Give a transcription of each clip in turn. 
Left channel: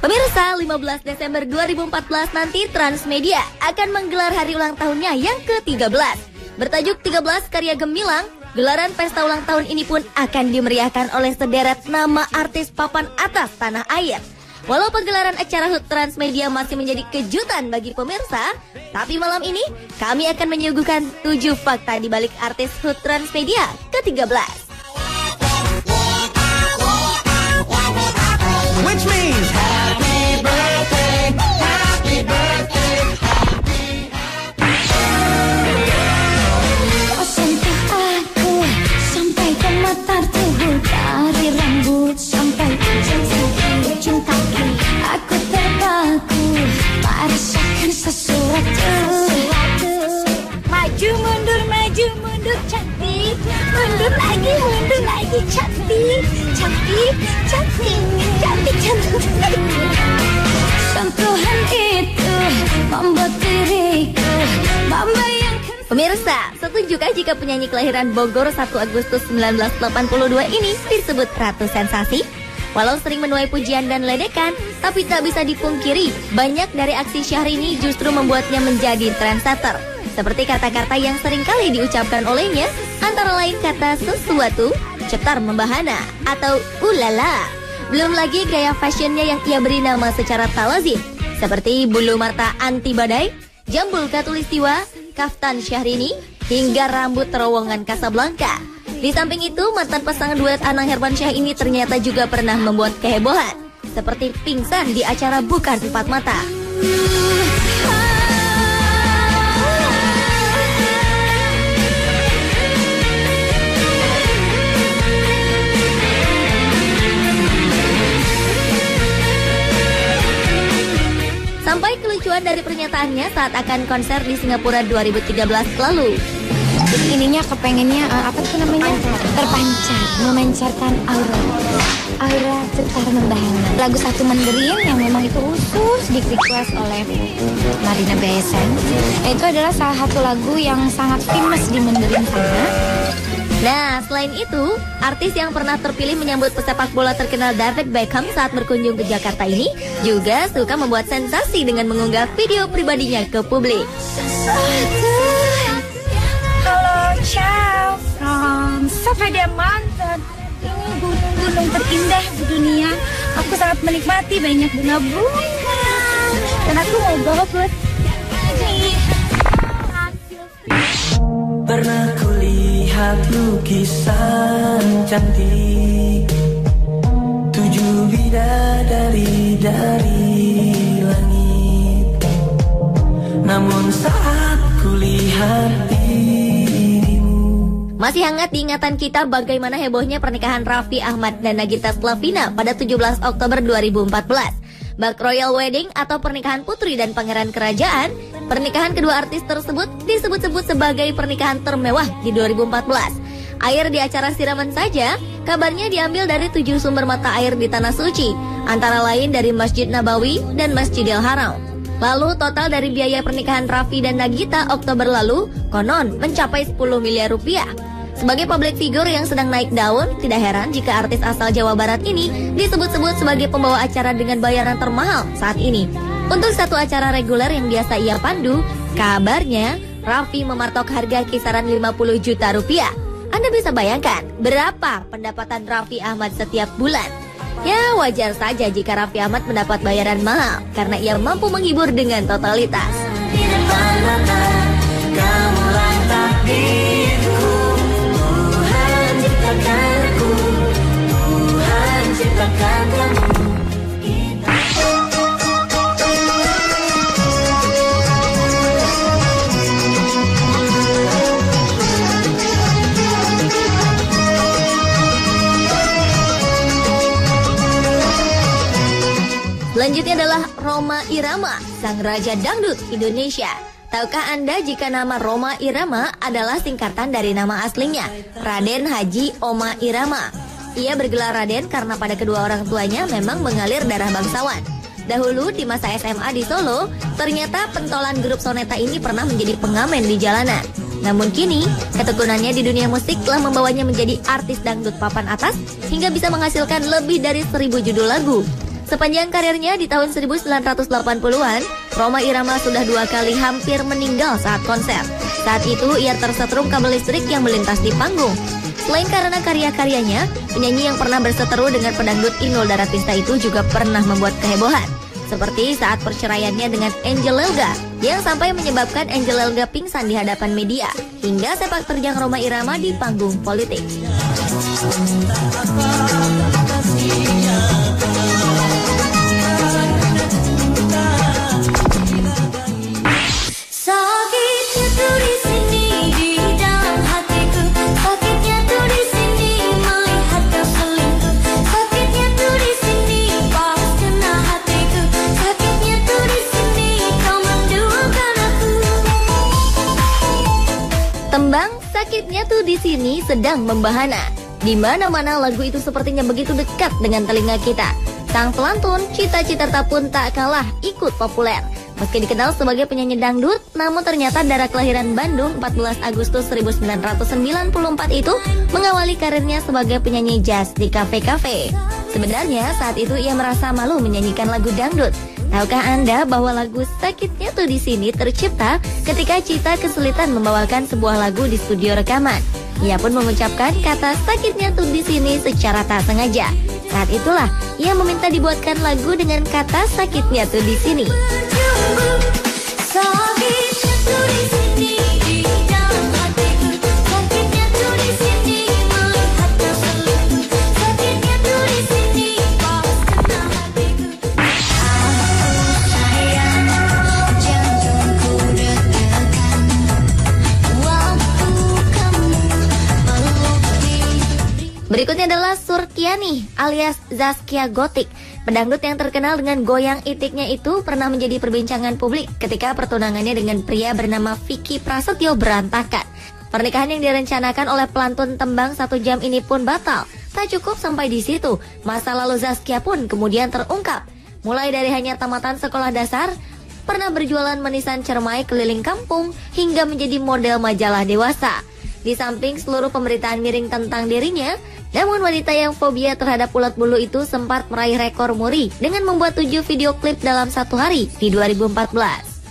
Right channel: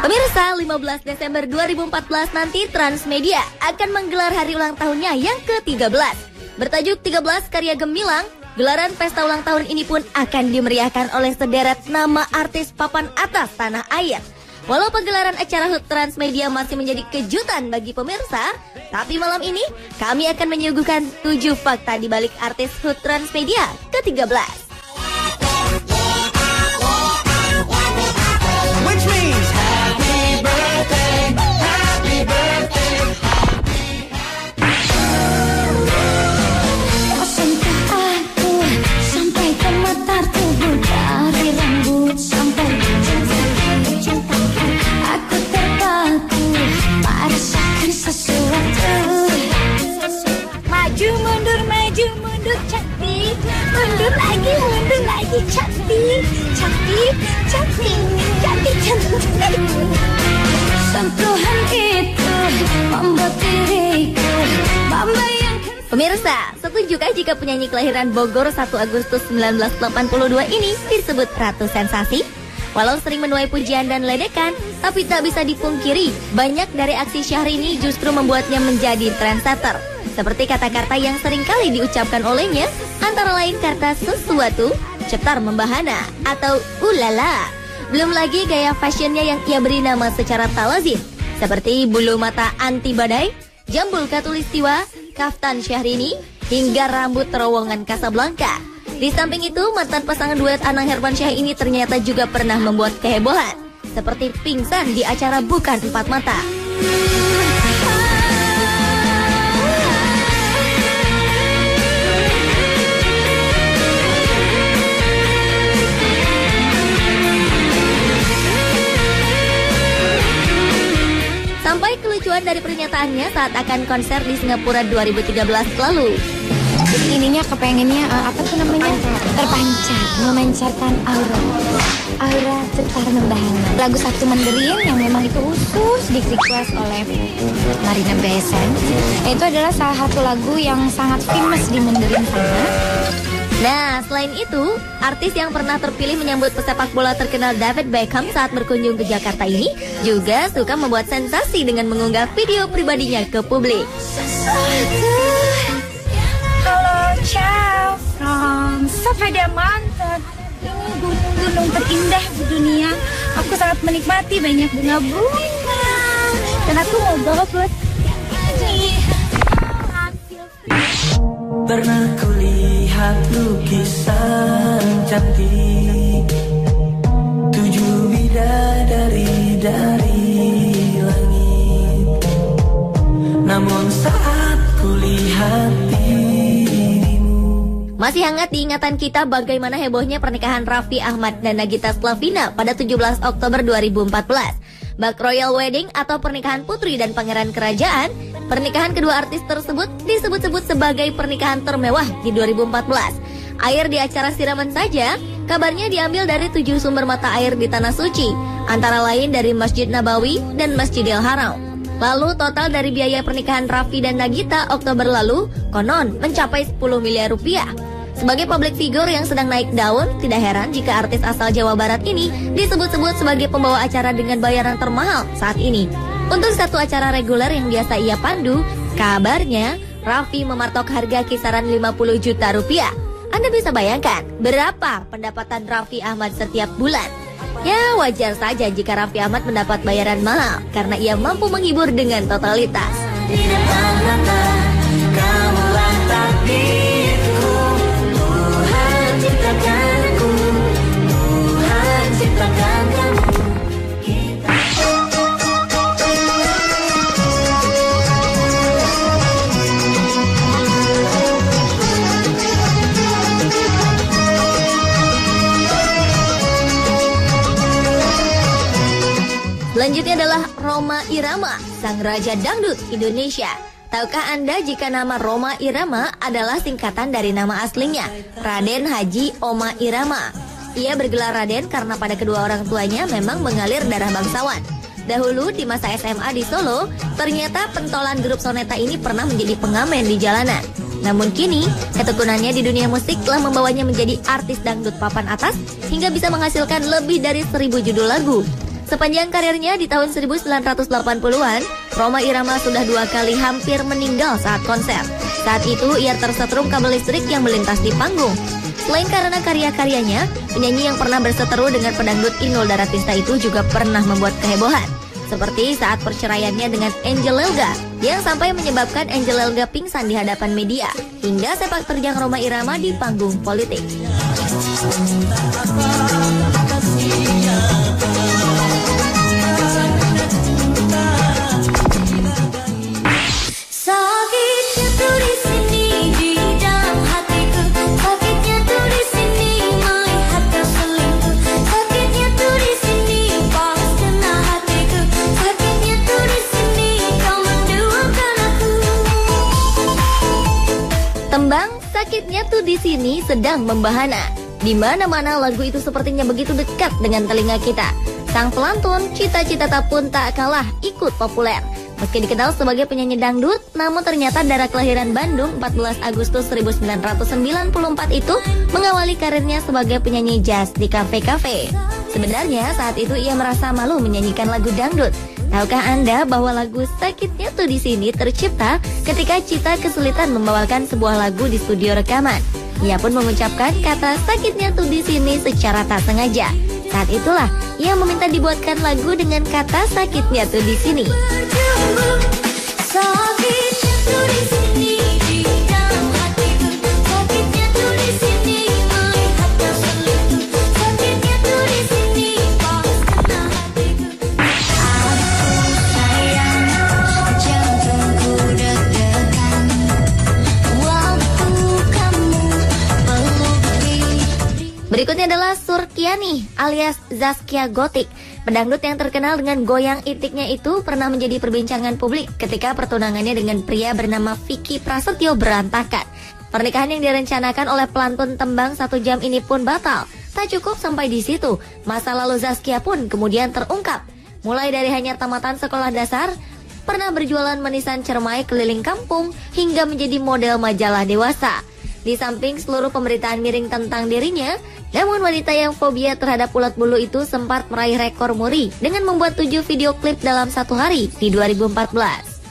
Pemirsa, 15 Desember 2014 nanti Transmedia akan menggelar hari ulang tahunnya yang ke-13. Bertajuk 13 Karya Gemilang, gelaran pesta ulang tahun ini pun akan dimeriahkan oleh sederet nama artis papan atas tanah air. Walau pegelaran acara HUT Transmedia masih menjadi kejutan bagi pemirsa, tapi malam ini kami akan menyuguhkan 7 fakta di balik artis HUT Transmedia ke-13. Which means happy birthday, happy birthday. Kau sentuh aku sampai ke mata tubuh, dari rambut sampai cincin cintaku. Aku terpaku merasakan sesuatu. Maju mundur cantik, mundur lagi cantik, cantik, cantik, cantik, cantik. Sentuhan itu membuat diriku membayangkan. Pemirsa, setujukah jika penyanyi kelahiran Bogor 1 Agustus 1982 ini disebut Ratu Sensasi? Walau sering menuai pujian dan ledekan, tapi tak bisa dipungkiri, banyak dari aksi Syahrini justru membuatnya menjadi trendsetter. Seperti kata-kata yang sering kali diucapkan olehnya, antara lain kata sesuatu, cetar membahana, atau ulala. Belum lagi gaya fashionnya yang ia beri nama secara tak lazim, seperti bulu mata anti badai, jambul katulistiwa, kaftan Syahrini, hingga rambut terowongan Casablanca. Di samping itu, mantan pasangan duet Anang Hermansyah ini ternyata juga pernah membuat kehebohan, seperti pingsan di acara Bukan Empat Mata. Sampai kelucuan dari pernyataannya saat akan konser di Singapura 2013 lalu. Ininya kepengennya apa tuh namanya, terpancar, memancarkan aura putar membahana. Lagu Satu Mandarin yang memang itu khusus di-request oleh Marina BSN. Nah, itu adalah salah satu lagu yang sangat famous di Mandarin sana. Nah, selain itu, artis yang pernah terpilih menyambut pesepak bola terkenal David Beckham saat berkunjung ke Jakarta ini juga suka membuat sensasi dengan mengunggah video pribadinya ke publik. Ciao from Sepeda Mountain. Ini gunung terindah di dunia. Aku sangat menikmati banyak bunga dan aku mau bawa buat Pernah kulihat lukisan cantik, 7 bidadari dari langit. Namun saat kulihat dirimu. Masih hangat diingatan kita bagaimana hebohnya pernikahan Raffi Ahmad dan Nagita Slavina pada 17 Oktober 2014. Bak Royal Wedding atau pernikahan putri dan pangeran kerajaan, pernikahan kedua artis tersebut disebut-sebut sebagai pernikahan termewah di 2014. Air di acara siraman saja, kabarnya diambil dari 7 sumber mata air di Tanah Suci, antara lain dari Masjid Nabawi dan Masjidil Haram. Lalu total dari biaya pernikahan Raffi dan Nagita Oktober lalu, konon mencapai 10 miliar rupiah. Sebagai public figure yang sedang naik daun, tidak heran jika artis asal Jawa Barat ini disebut-sebut sebagai pembawa acara dengan bayaran termahal saat ini. Untuk satu acara reguler yang biasa ia pandu, kabarnya Raffi mematok harga kisaran 50 juta rupiah. Anda bisa bayangkan berapa pendapatan Raffi Ahmad setiap bulan? Ya, wajar saja jika Raffi Ahmad mendapat bayaran mahal karena ia mampu menghibur dengan totalitas. Selanjutnya adalah Rhoma Irama, sang raja dangdut Indonesia. Tahukah Anda jika nama Rhoma Irama adalah singkatan dari nama aslinya, Raden Haji Oma Irama. Ia bergelar Raden karena pada kedua orang tuanya memang mengalir darah bangsawan. Dahulu di masa SMA di Solo, ternyata pentolan grup Soneta ini pernah menjadi pengamen di jalanan. Namun kini, ketekunannya di dunia musik telah membawanya menjadi artis dangdut papan atas hingga bisa menghasilkan lebih dari 1000 judul lagu. Sepanjang karirnya di tahun 1980-an, Rhoma Irama sudah 2 kali hampir meninggal saat konser. Saat itu ia tersetrum kabel listrik yang melintas di panggung. Selain karena karya-karyanya, penyanyi yang pernah berseteru dengan pedangdut Inul Daratista itu juga pernah membuat kehebohan. Seperti saat perceraiannya dengan Angel Elga, yang sampai menyebabkan Angel Elga pingsan di hadapan media, hingga sepak terjang Rhoma Irama di panggung politik. Tembang Sakitnya Tuh di Sini sedang membahana. Di mana-mana lagu itu sepertinya begitu dekat dengan telinga kita. Sang pelantun Cita Citata pun tak kalah ikut populer. Meski dikenal sebagai penyanyi dangdut, namun ternyata darah kelahiran Bandung 14 Agustus 1994 itu mengawali karirnya sebagai penyanyi jazz di kafe-kafe. Sebenarnya saat itu ia merasa malu menyanyikan lagu dangdut. Tahukah Anda bahwa lagu Sakitnya Tuh di Sini tercipta ketika Cita kesulitan membawakan sebuah lagu di studio rekaman. Ia pun mengucapkan kata sakitnya tuh di sini secara tak sengaja. Saat itulah ia meminta dibuatkan lagu dengan kata sakitnya tuh di sini. Berikutnya adalah Surtiani alias Zaskia Gotik. Pedangdut yang terkenal dengan goyang itiknya itu pernah menjadi perbincangan publik ketika pertunangannya dengan pria bernama Vicky Prasetyo berantakan. Pernikahan yang direncanakan oleh pelantun tembang 1 jam ini pun batal. Tak cukup sampai di situ, masa lalu Zaskia pun kemudian terungkap. Mulai dari hanya tamatan sekolah dasar, pernah berjualan manisan cermai keliling kampung, hingga menjadi model majalah dewasa. Di samping seluruh pemberitaan miring tentang dirinya, namun wanita yang fobia terhadap ulat bulu itu sempat meraih rekor muri dengan membuat 7 video klip dalam 1 hari di 2014.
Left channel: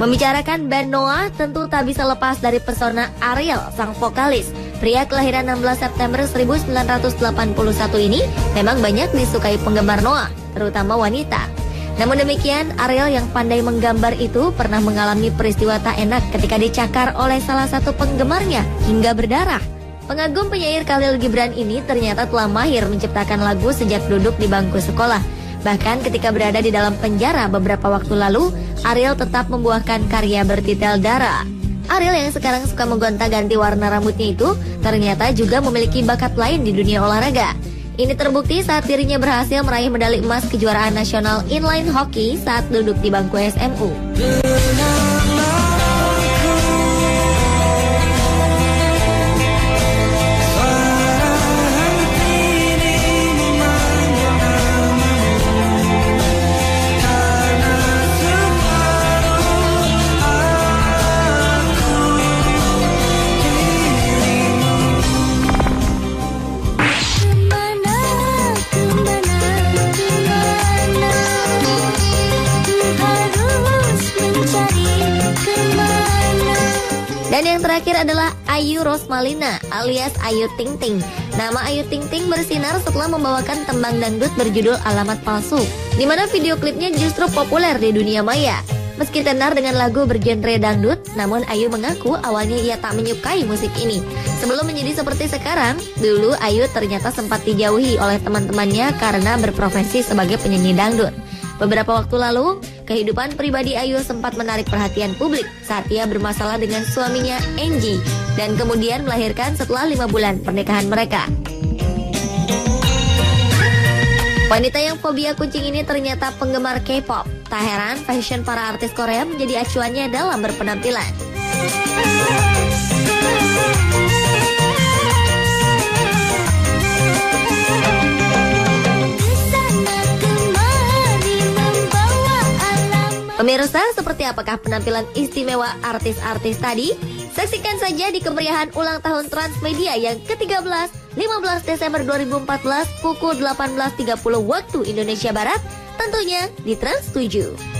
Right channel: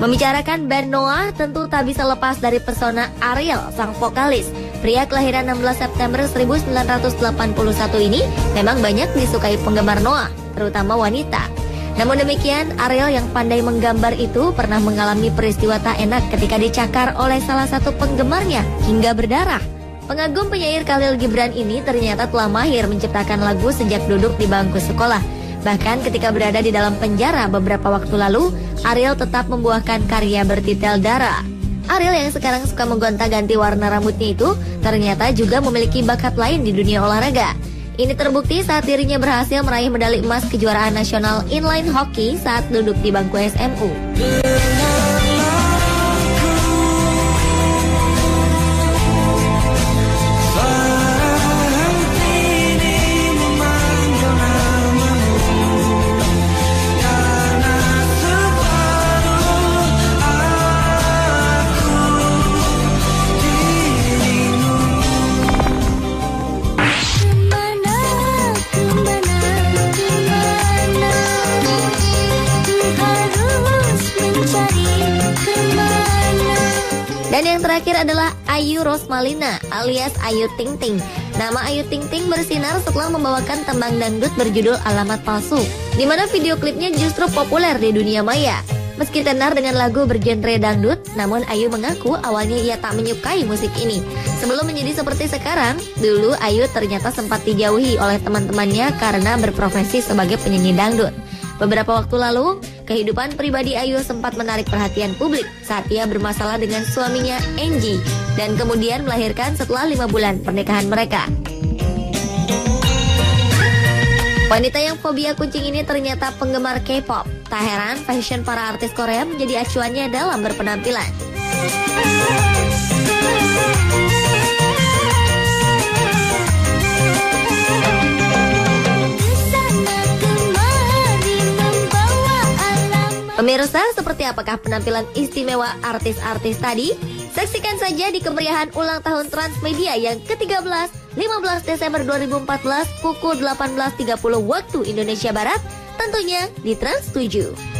Membicarakan band Noah, tentu tak bisa lepas dari pesona Ariel, sang vokalis. Pria kelahiran 16 September 1981 ini memang banyak disukai penggemar Noah, terutama wanita. Namun demikian, Ariel yang pandai menggambar itu pernah mengalami peristiwa tak enak ketika dicakar oleh salah satu penggemarnya hingga berdarah. Pengagum penyair Khalil Gibran ini ternyata telah mahir menciptakan lagu sejak duduk di bangku sekolah. Bahkan ketika berada di dalam penjara beberapa waktu lalu, Ariel tetap membuahkan karya bertitel Dara. Ariel yang sekarang suka menggonta-ganti warna rambutnya itu ternyata juga memiliki bakat lain di dunia olahraga. Ini terbukti saat dirinya berhasil meraih medali emas kejuaraan nasional inline hockey saat duduk di bangku SMU. Dan yang terakhir adalah Ayu Rosmalina alias Ayu Ting Ting. Nama Ayu Ting Ting bersinar setelah membawakan tembang dangdut berjudul Alamat Palsu, di mana video klipnya justru populer di dunia maya. Meski tenar dengan lagu bergenre dangdut, namun Ayu mengaku awalnya ia tak menyukai musik ini. Sebelum menjadi seperti sekarang, dulu Ayu ternyata sempat dijauhi oleh teman-temannya karena berprofesi sebagai penyanyi dangdut. Beberapa waktu lalu, kehidupan pribadi Ayu sempat menarik perhatian publik saat ia bermasalah dengan suaminya Angie dan kemudian melahirkan setelah 5 bulan pernikahan mereka. Wanita yang fobia kucing ini ternyata penggemar K-pop. Tak heran fashion para artis Korea menjadi acuannya dalam berpenampilan. Pemirsa, seperti apakah penampilan istimewa artis-artis tadi? Saksikan saja di kemeriahan ulang tahun Transmedia yang ke-13, 15 Desember 2014 pukul 18.30 waktu Indonesia Barat, tentunya di Trans 7.